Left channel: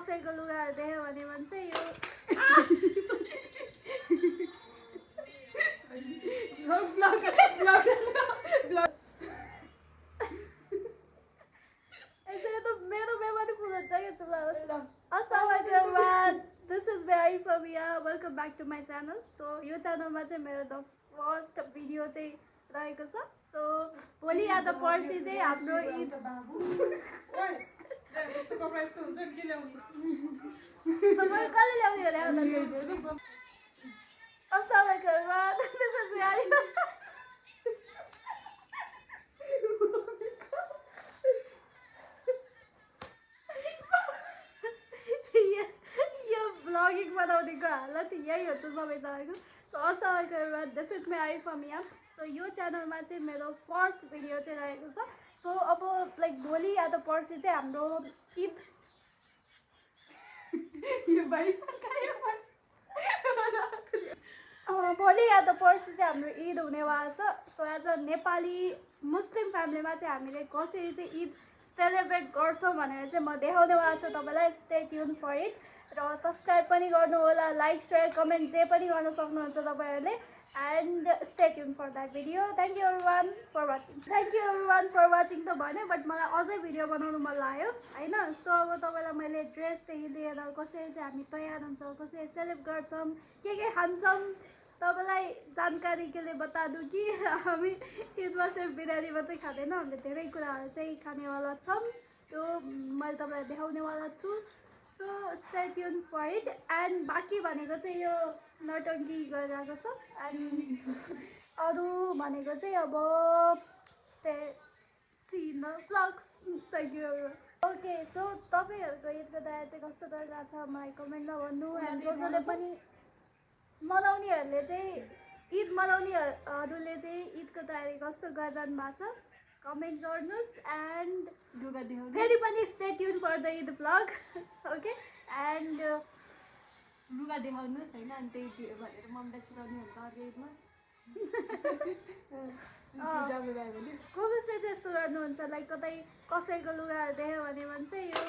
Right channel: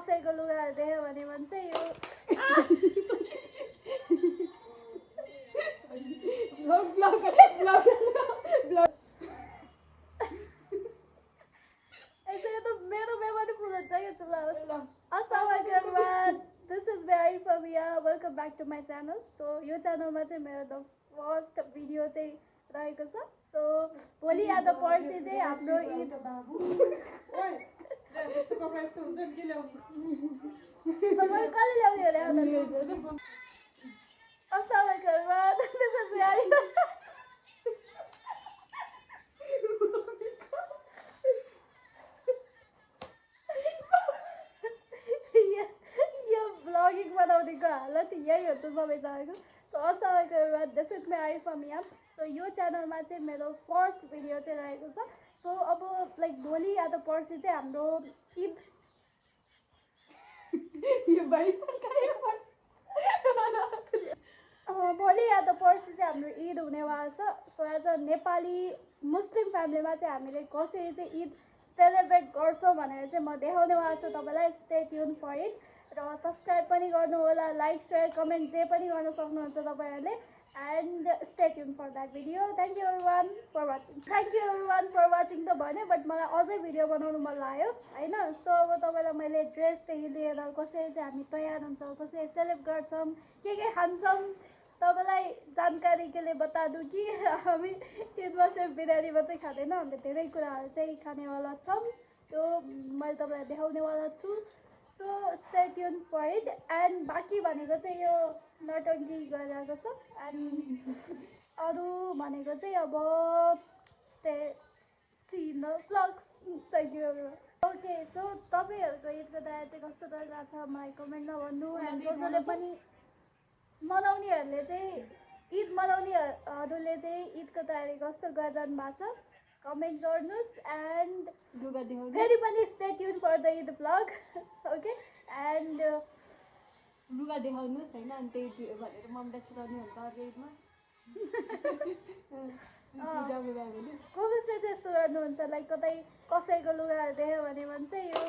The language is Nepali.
कसैको लुगाहरू देख्यो भने भन्छ यो मेरो मेमोरी फुल हुन्छ क्या चुला अस्सलाम दिस इज भेरी फमिया welcome back to my channel so यो च्यानलमा चाहिँ मेरो द फर्स्ट भिडियो चाहिँ रहेको छ सो भोलि या त पर्सि चाहिँ हाम्रो ईद कसले ल्याउने अरे अस्सलाम दिस इज भेरी ब्लगिङ बनाउनेको हालत यही हुन्छ सबैजनाको सो अस्सलाम दिस इज माई फमिया सो यो च्यानलमा चाहिँ मेरो फर्स्ट भिडियो चाहिँ रहेको छ सो अब लाइक भोलि या त पर्सि चाहिँ हाम्रो ईद भोलि या त पर्सि चाहिँ हाम्रो ईद हुनेवाला छ सो एज अ नेपाली मुस्लिम फ्यामिलीमा चाहिँ हामीले कसरी चाहिँ ईद सेलिब्रेट गर्छौँ भनेर चाहिँ म देखाउनेवाला छु तपाईँलाई स्टे ट्युन फर इट र सब्सक्राइब पनि गर्नु होला लाइक सेयर कमेन्ट जे पनि गर्न सक्नुहुन्छ तपाईँहरूले and stay tune for that video thank you everyone for watching त भन्यो बट मलाई अझै भिडियो बनाउनु मन लाग्यो होइन सो अब तपाईँलाई मैले ड्रेसदेखि लिएर कसरी चाहिँ हामी तयार हुन्छौँ कसरी सेलिब्रेट गर्छौँ के खान्छौँ तपाईँलाई जानकारी के लिए बता दूँ कि हामी ईदमा सिर्फ बिरयानी मात्रै खाँदैन हामीले धेरै कुराहरू चाहिँ खानेवाला छौँ त्यो मैले तपाईँलाई देखाउनेवाला छु so stay tune for it and बाँकी भनेको चाहिँ यो नटङ्की गरिरहेको छ एन्ड अरू भनेको चाहिँ अब stay see the blogs thank you okay so तपाईँहरूको ईदको तयारी चाहिँ कस्तो चलिरहेको छ मलाई कमेन्टमा भन्नु एन्ड जसले पनि मनाउनेहरूले चाहिँ ईद मनाउनेहरूले चाहिँ ईदको तयारी कस्तो गरिरहनु भएको छ कमेन्ट गर्नुहोस् एन्ड फेरि पनि stay tune for the Eid blog okay and लुगा देखाउनुहोस् होइन अनि त्यही भनेर मम्मीलाई सिकाउने हुन्छ अर्को ईदमा कसले चाहिँ यस्तो गर्नुहुन्छ लाइक कतै कसैको लुगाहरू देख्यो भने भन्छ यो